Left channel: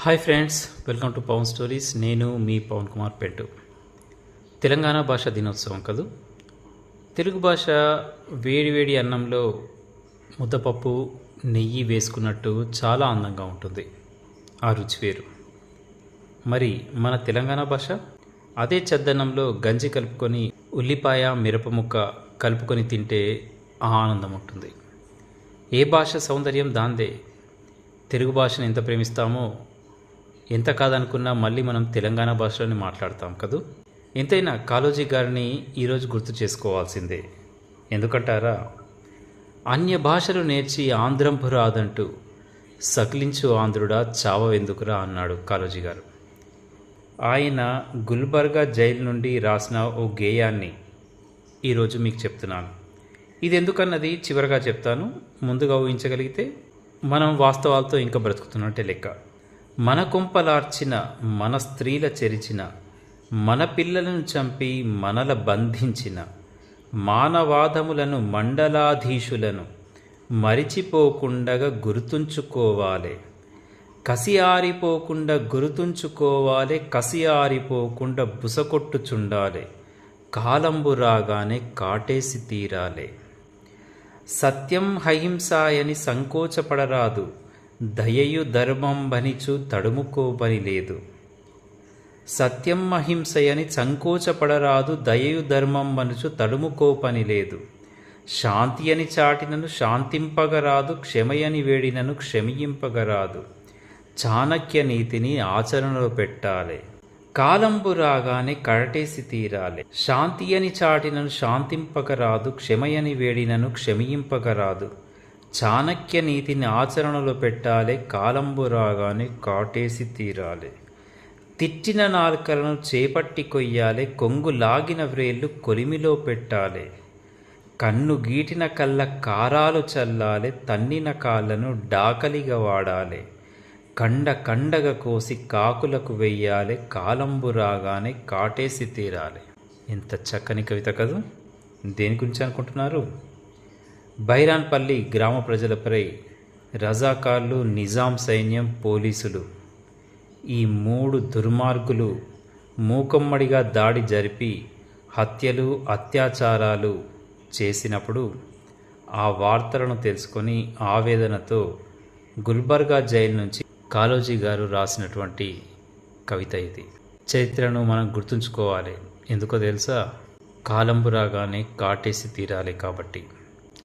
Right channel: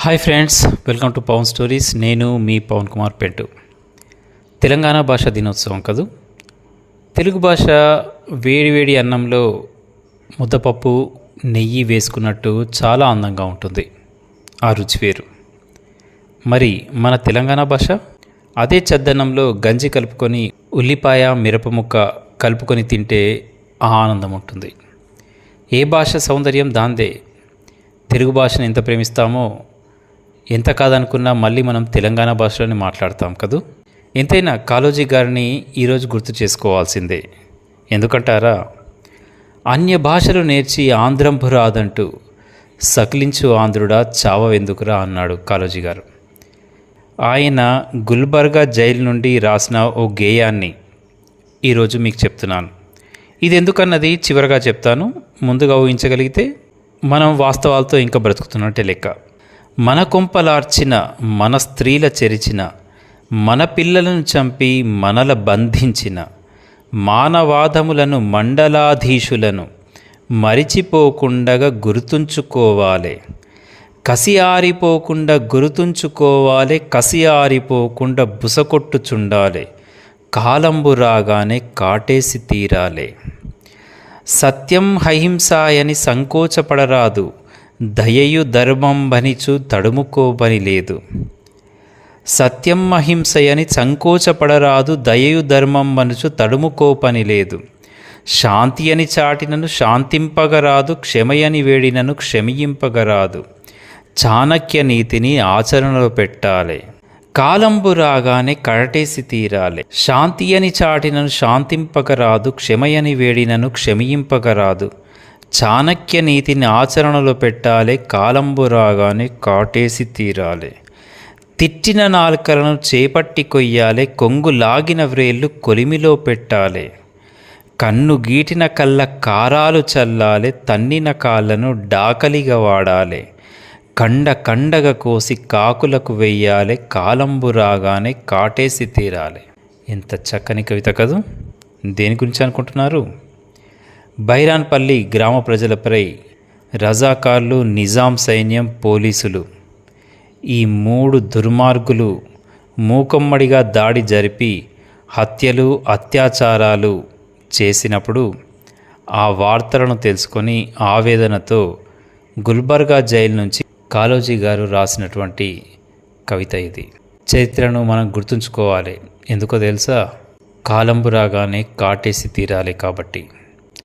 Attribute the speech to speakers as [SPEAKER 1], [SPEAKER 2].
[SPEAKER 1] Hi friends welcome to Pawan stories నేను మీ పవన్ కుమార్ పెట్టు తెలంగాణ భాష దినోత్సవం కదూ? తెలుగు భాష వేడివేడి అన్నంలో ముద్దపప్పు నెయ్యి వేసుకున్నట్టు చాలా అందంగా ఉంటుంది. ఆ రుచి వేరు. మరి మన తెలంగాణ భాష? అదే చద్దన్నంలో గంజి కలుపుకొని ఉల్లిపాయ మిరప ముక్క కలుపుకొని తింటే ఆ ఆనందం ఉంటుంది. ఏ భాష సౌందర్యం దాందే? తెలుగు భాషను ఎంత ప్రేమిస్తామో ఎంత కాదనుకున్నా మళ్ళీ మనం తెలంగాణ భాషలోనే మాట్లాడతాం కదూ? ఎంతైనా కాలోజీ గారిని ఈరోజు గుర్తు చేసుకోవాల్సిందే. ఎందుకంటారా? అన్య భాషలు నేర్చి ఆంధ్రంపు రాదంటూ సకిలించు ఆంధ్రుడా చావవెందుకురా అన్నాడు కాలోజీ గారు. ఆయన గుల్బర్గా జైలు నుండి రాసిన ఓ గేయాన్ని ఈరోజు మీకు చెప్తున్నాను. ఇది ఎందుకన్నది చివరగా చెప్తాను. ముందుగా ఊహించగలిగితే మనం వాస్తవాలతో ఇంకా బ్రతుకుతున్నట్టే లెక్క. మన కొంపలార్చిన మన స్త్రీల చెరిచిన మన పిల్లలను చంపి మనల బంధించిన మానవాదములను మండలాధీశులను మరిచిపోకుండగా గుర్తుంచుకోవాలి. కసి ఆరిపోకుండా గుర్తుంచుకోవాలి కసి ఆరిపోకుండా బుసకొట్టుచుండాలి కాలంబు రాగానే కాటేసి తీరాలి. సత్యం హహింసాయని సంకోచపడరాదు. దయయు ధర్మంబనిచు తడుముకోబని లేదు. సత్యం అహింసయని సంకోచపడరాదు దయయు ధర్మం మనుచు తడుముకోపని లేదు. శాంతి అని చాటినను శాంతింపగరాదు క్షమయని వేడినను క్షమింపగరాదు. చాణక్య నీతిని ఆచరణలో పెట్టాలి. కాలంబు రాగానే కరటేసి తీరాలి. శాంతి అని చాటినను శాంతింపగరాదు క్షమయని వేడినను క్షమింపగరాదు. చాణక్య నీతిని ఆచరణలో పెట్టాలి కాలంబు రాగానే కాటేసి తీరాలి. తిట్టిన నాలుకలను చేపట్టి కొయ్యాలి కొంగు లాగిన వ్రేళ్ళు కొలిమిలో పెట్టాలి. కన్ను గీటిన కళ్ళ కారాలు చల్లాలి తన్నిన కాళ్ళను డాకలిగా వాడాలి. కండ కండగ కోసి కాకులకు వెయ్యాలి కాలంబు రాగానే కాటేసి తీరాలి. ఎంత చక్కని కవిత కదూ! దేని గురించి అనుకుంటున్నారు? బైరాన్పల్లి గ్రామ ప్రజలపై రజాకార్లు నిజాం సైన్యం పోలీసులు. ఈ మూడు దుర్మార్గులు మూకమ్మడిగా దాడి జరిపి హత్యలు అత్యాచారాలు చేసినప్పుడు ఆ వార్తలను తెలుసుకొని ఆవేదనతో గుల్బర్గా జైలు నుంచి కాలోజీ గారు రాసినటువంటి కవిత ఇది. చరిత్రను మనం గుర్తుంచుకోవాలి. ఎందుకో తెలుసా? కాలంబు రాగానే కాటేసి తీరాలి కాబట్టి.